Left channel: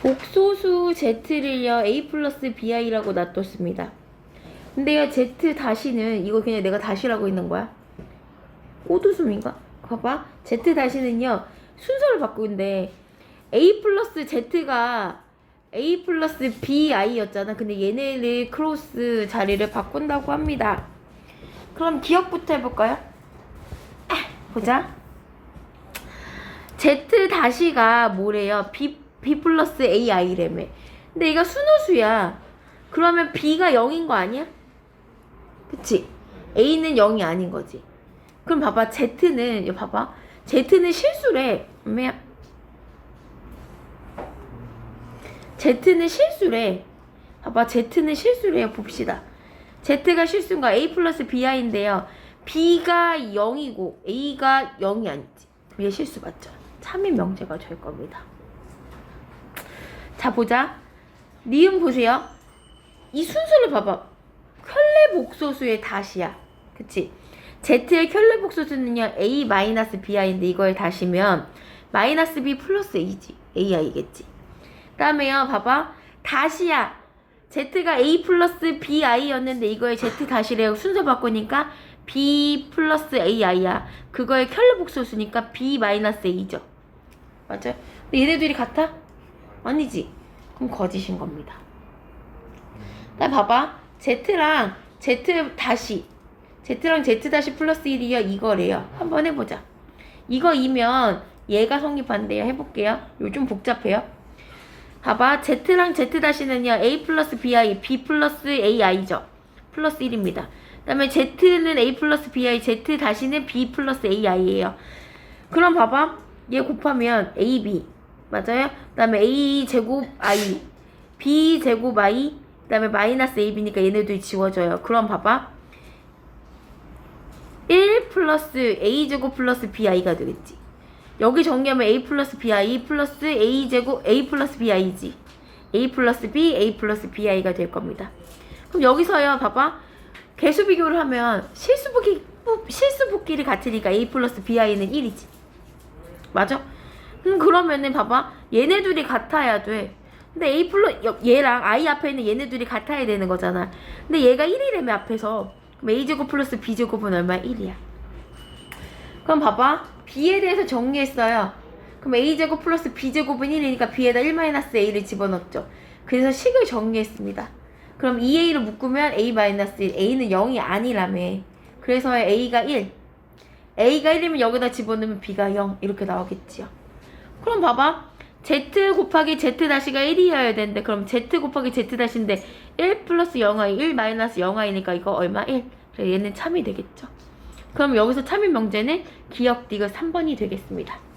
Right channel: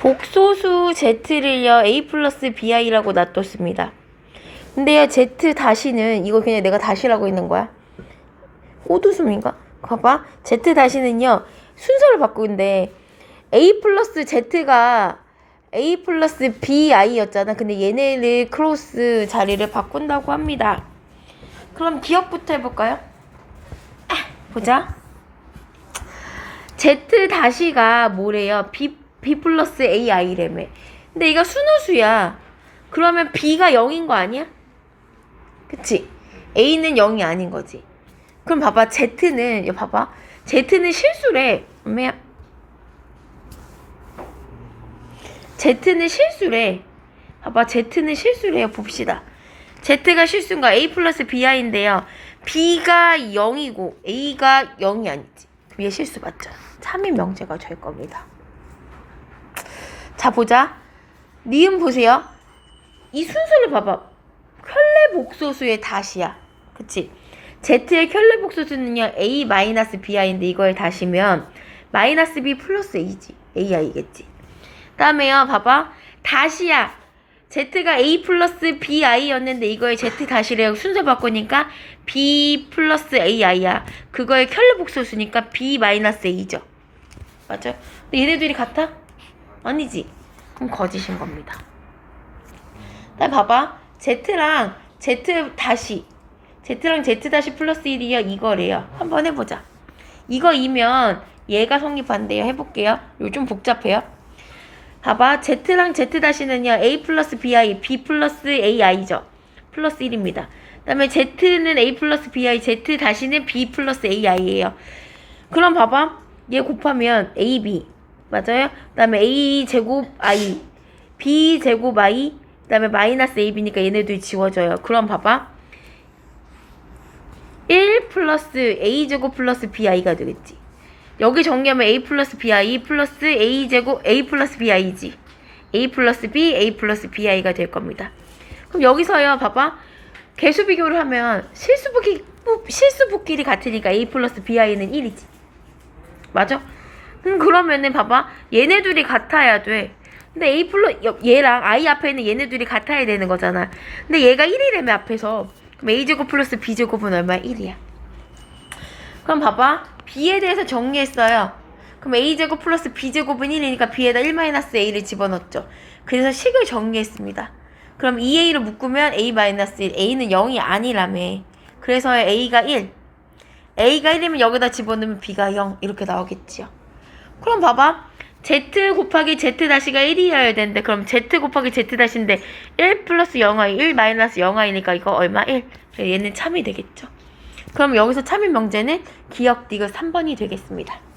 복소수 z를요 a 플러스 bi라고 놔뒀습니다. 근데요 z 다시는 이거 그냥 내가 다시라고 있는 거야. 호두숨인가? 봐봐. z 다시는요 순서를 바꾸는데 a 플러스 z가 a 플러스 bi였잖아. 근데 얘네를 크로스 자리를 바꾼다고 합니다. 그럼 기억부터 해볼까요? 보자. z 다시가 뭐래요? b b 플러스 ai래매. 근데 이거 순호수야. 그러면 b가 0인 거 아니야? 그치? a는 0이 아닌 거지. 그럼 봐봐 z는 이거 봐봐 z는 실수래. 엄마야. z는 실수래. 봐봐 z는 실수래요. 봅시다. z가 실수인가 a 플러스 bi인데요. b가 0이고 a가 0이 아니지. 위에 실수 맞죠? 참인 명제가 될 겁니다. 자 보자. 니은 보세요. 이 순서를 봐봐. 켤레 복소수의 다시야. 그치? z의 켤레 복소수는요 a 마이너스 bi인데 이거에 다시면 마이너스 b 플러스 a지. ai겠지. 다음에요 봐봐. 다시야. z가 a 플러스 bi였는데 이거에 z 다시래요. 순서 바꾸니까 b 플러스 ai야. 그거의 켤레 복소수니까 b 마이너스 a죠. 맞아요? 근데 얘네들이 같아? 아니지. 그럼 거짓인 겁니다. 나 봐봐. z랑 z 다시 z랑 z 다시 플러스 1이요. 이거래요. 한번 해보자. 이거 이면 얘가 성립한대요. 해볼게요. 좀 복잡해요. 봐봐. z랑 z 다시는요. a 플러스 bi, b 플러스 ai죠. 플러스 1입니다. 그 다음에 z는 a 플러스 bi, z 다시는 b 플러스 ai예요. 그럼 봐봐. 얘 곱하면 ab 맞아요? 그 다음에 a 제곱 i, b 제곱 i, 그 다음에 마이너스 ab니까 얘네들이 지워져요. 그럼 봐봐. 1 플러스 a 제곱 플러스 bi가 되겠지. 여기 정리하면 a 플러스 bi 플러스 a 제곱 a 플러스 bi지. a 플러스 b, a 플러스 bi가 될 겁니다. 그럼 여기서요, 봐봐. 개수 비교를 하면 실수분기, 실수분끼리 같으니까 a 플러스 bi는 1이지. 맞아? 음, 그러면은 봐봐. 얘네 둘이 같아야 돼. 근데 a 플러 얘랑 i 앞에 있는 얘네 둘이 같아야 되는 거잖아. 근데 얘가 1이라며 앞에서. 그럼 a 제곱 플러스 b 제곱은 얼마? 1이야. 그럼 봐봐. b에 대해서 정리했어요. 그럼 a 제곱 플러스 b 제곱은 1이니까 b에다 1 마이너스 a를 집어넣었죠. 그래서 식을 정리했습니다. 그럼 2a를 묶으면 a 마이너스 1, a는 0이 아니라며. 그래서 a가 1. a가 1이면 여기다 집어넣으면 b가 0 이렇게 나오겠지요. 그럼 봐봐. z 곱하기 z 다시가 1이어야 되는데 그럼 z 곱하기 z 다시인데 1 플러스 0i 1 마이너스 0i니까 이거 얼마? 1. 그래, 얘는 참이 되겠죠. 그럼 여기서 참인 명제는 기억 디귿 3번이 되겠습니다.